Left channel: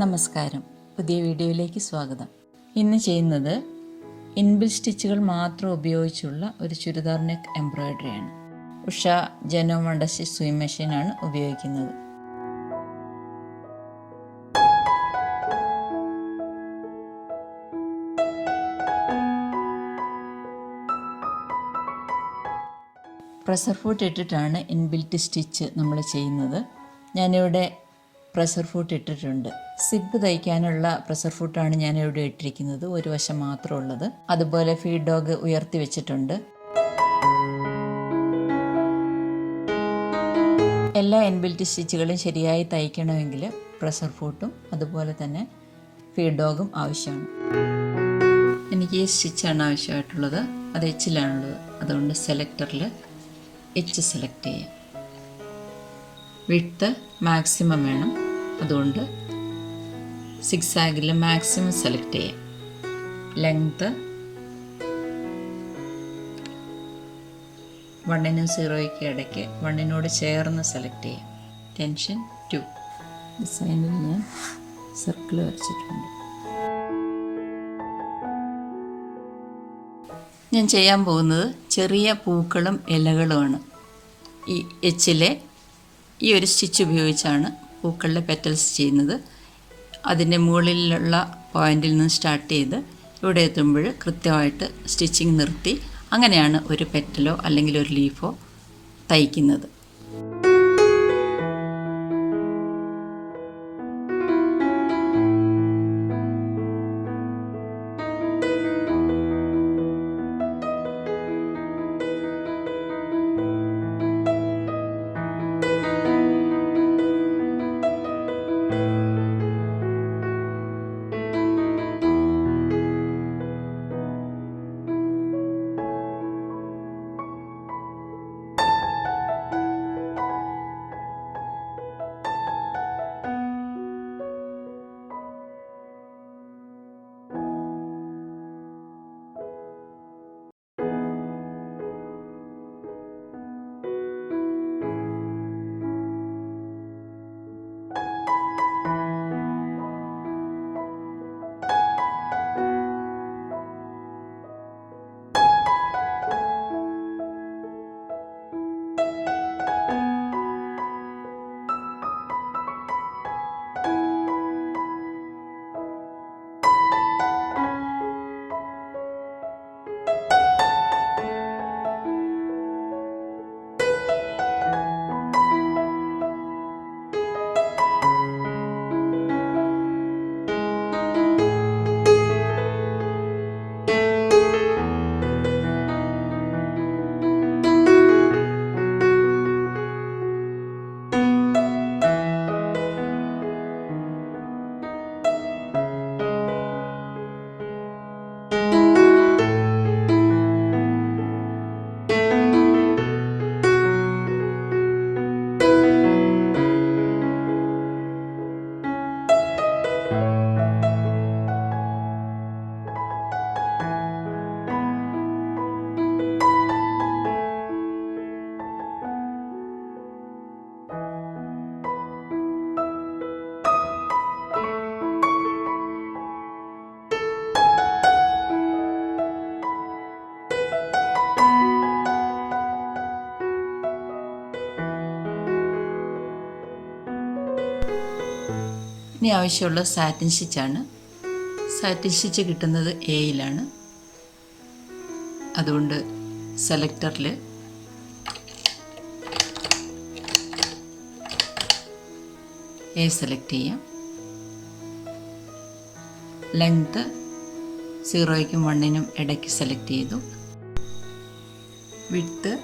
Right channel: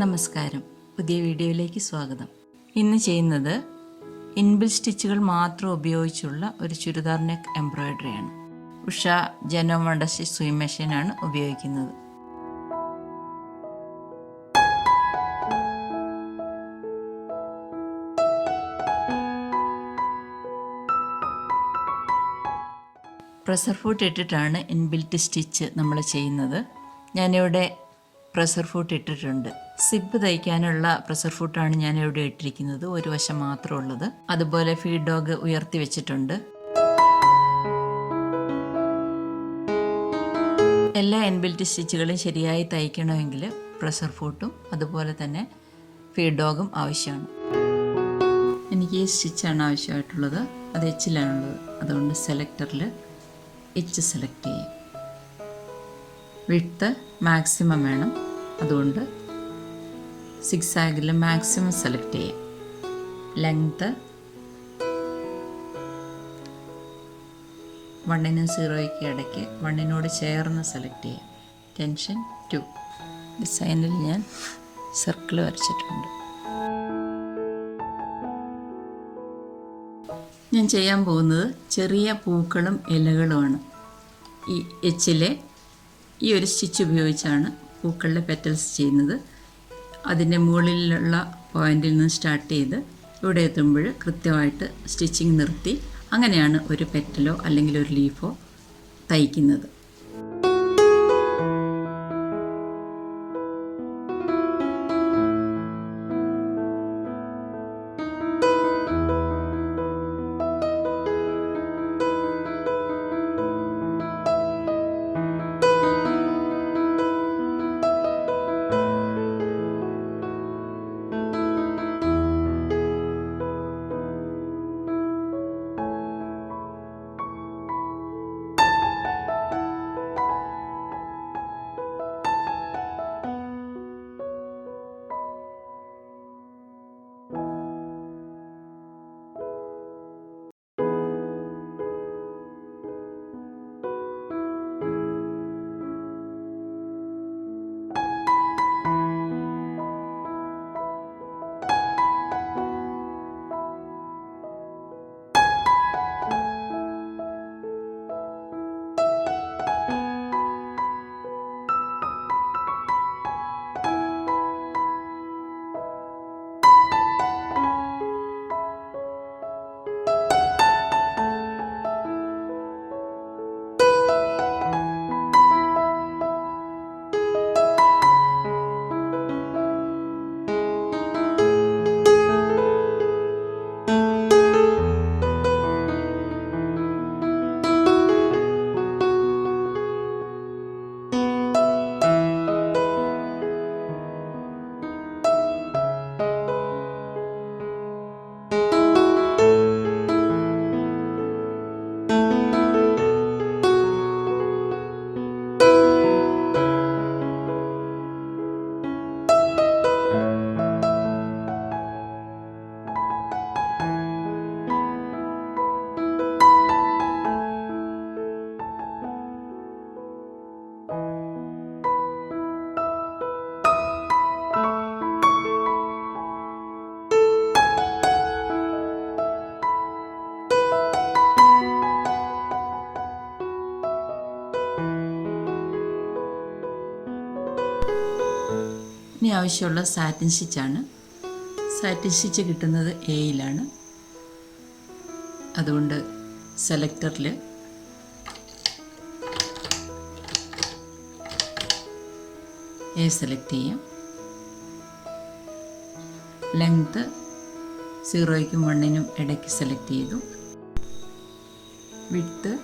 നമസ്കാരം, പുതിയ വീഡിയോയിലേക്ക് സ്വാഗതം. ഇന്ന് ചെയ്യുന്നത് ഇൻബിൽറ്റ് സ്റ്റിച്ചുകൾ മാത്രം ഉപയോഗിച്ചുള്ള ഒരു ചുരിദാർ നെക്ക് എംബ്രോയിഡറിയാണ്. ഉഷ ജനോമയുടെ സ്വിംഗ് മെഷീനാണ് ഉപയോഗിക്കുന്നത്. പ്രഷർ ഫുട്ട് ഇട്ടിട്ടാണ് ഇൻബിൽറ്റ് സ്റ്റിച്ച് നമ്മൾ ചെയ്യുന്നത്. ഞാനിവിടെ പ്രഷർ ഫുട്ട് ഇട്ടിട്ടുണ്ട്. സിബ് തയ്ക്കാനുള്ള പ്രഷർ ഫുട്ടാണ് ഞാനിവിടെ ഇട്ടിരിക്കുന്നത്, ഒരു വശം മാത്രം ഉള്ളത്. അതുപോലെ ഫീഡ് ഡോഗ് ഉയർത്തി വെച്ചിട്ടുണ്ട്. എല്ലാ ഇൻബിൽറ്റ് സ്റ്റിച്ചുകളും ശരിയായി തയ്ക്കണമെങ്കിൽ പ്രഷർ ഫുട്ടും അതുപോലെ തന്നെ ഫീഡ് ഡോഗും ആവശ്യമാണ്. എനിക്ക് ഈ സ്റ്റിച്ചാണ് ആവശ്യമായിട്ടുള്ളത്. അത് എച്ചിലാണുള്ളത്. അതുകൊണ്ട് സെലക്ടറിൽ എച്ച് സെലക്ട് ചെയ്യാം. വിഡ്ത്ത് മാക്സിമം വേണം, അതുകൊണ്ട് സിക്സാഗിൽ മാക്സിമം സെലക്ട് ചെയ്യാം. ലെങ്ത്ത് 1നും 0യ്ക്ക് ഇടയ്ക്ക് 1നോട് ചേർന്ന് സെലക്ട് ചെയ്യാം. ടെൻഷൻ 2. ഡിസൈനിൽ ഞാൻ സർക്കിൾ വരച്ചിട്ടുണ്ട്. ഞാൻ ചെയ്യാൻ പോകുന്നത് ചെറിയ പൂക്കളും ഇലകളുമാണ്. ഈ എച്ചിലെ ഈ ഒരു സ്റ്റിച്ച് ഉപയോഗിച്ചാണ് പൂക്കളിലെ പെറ്റൽസ് ചെയ്യുന്നത്. അതിൻ്റെ മുകളിലുള്ള പോയിന്റിൽ നിന്ന് സ്റ്റാർട്ട് ചെയ്ത് ഇവിടെ എത്തുമ്പോൾ കൃത്യമായിട്ട് സ്റ്റിച്ചിങ് നിർത്തി അങ്ങനെയാണ് ഒരു പെറ്റലോ അല്ലെങ്കിൽ ഒരു ലീഫോ തയ്ക്കുന്നത്. ഇനി ആവശ്യമുള്ള സാറ്റിൻ സ്റ്റിച്ചാണ്. സാറ്റിൻ സ്റ്റിച്ച് കിട്ടുന്നത് എയിലാണ്. അതുകൊണ്ട് സെലക്ടറിൽ എ സെലക്ട് ചെയ്യാം. ലെങ്ത്ത് 0യ്ക്കും 1നും ഇടയ്ക്ക് സെലക്ട് ചെയ്തു. വിഡ്ത്ത്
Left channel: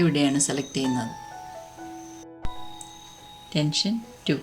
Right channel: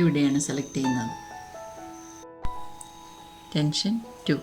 ഇവിടെയാണ് സെലക്ട് ചെയ്യുന്നത്. ടെൻഷൻ 2.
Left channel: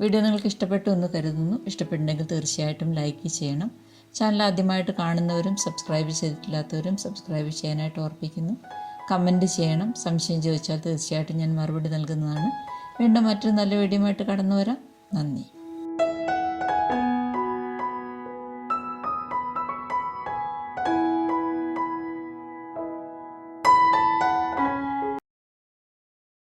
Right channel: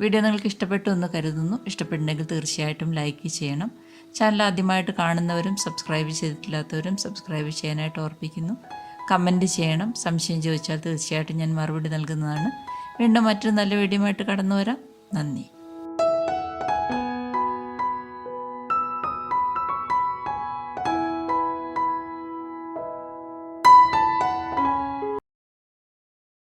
വീഡിയോ നിങ്ങൾക്ക് ഇഷ്ടപ്പെട്ടു എന്ന് കരുതുന്നു. ഇഷ്ടപ്പെട്ടുണ്ടെങ്കിൽ തീർച്ചയായിട്ടും ലൈക്ക് ചെയ്യണം. ചാനൽ ആദ്യമായിട്ട് കാണുന്നവരും സബ്സ്ക്രൈബ് ചെയ്തിട്ടില്ലാത്തവരും സബ്സ്ക്രൈബ് ചെയ്യാനായിട്ട് ഓർപ്പിക്കുന്നു. കമൻറ്റ് ചെയ്യണം. സംശയം ചോദിച്ചാൽ തീർച്ചയായിട്ടും ഞാൻ മറുപടി നൽകുന്നതാണ്. വീണ്ടും മറ്റൊരു നല്ല വീഡിയോയുമായിട്ട് കടന്നു വരാം. നന്ദി.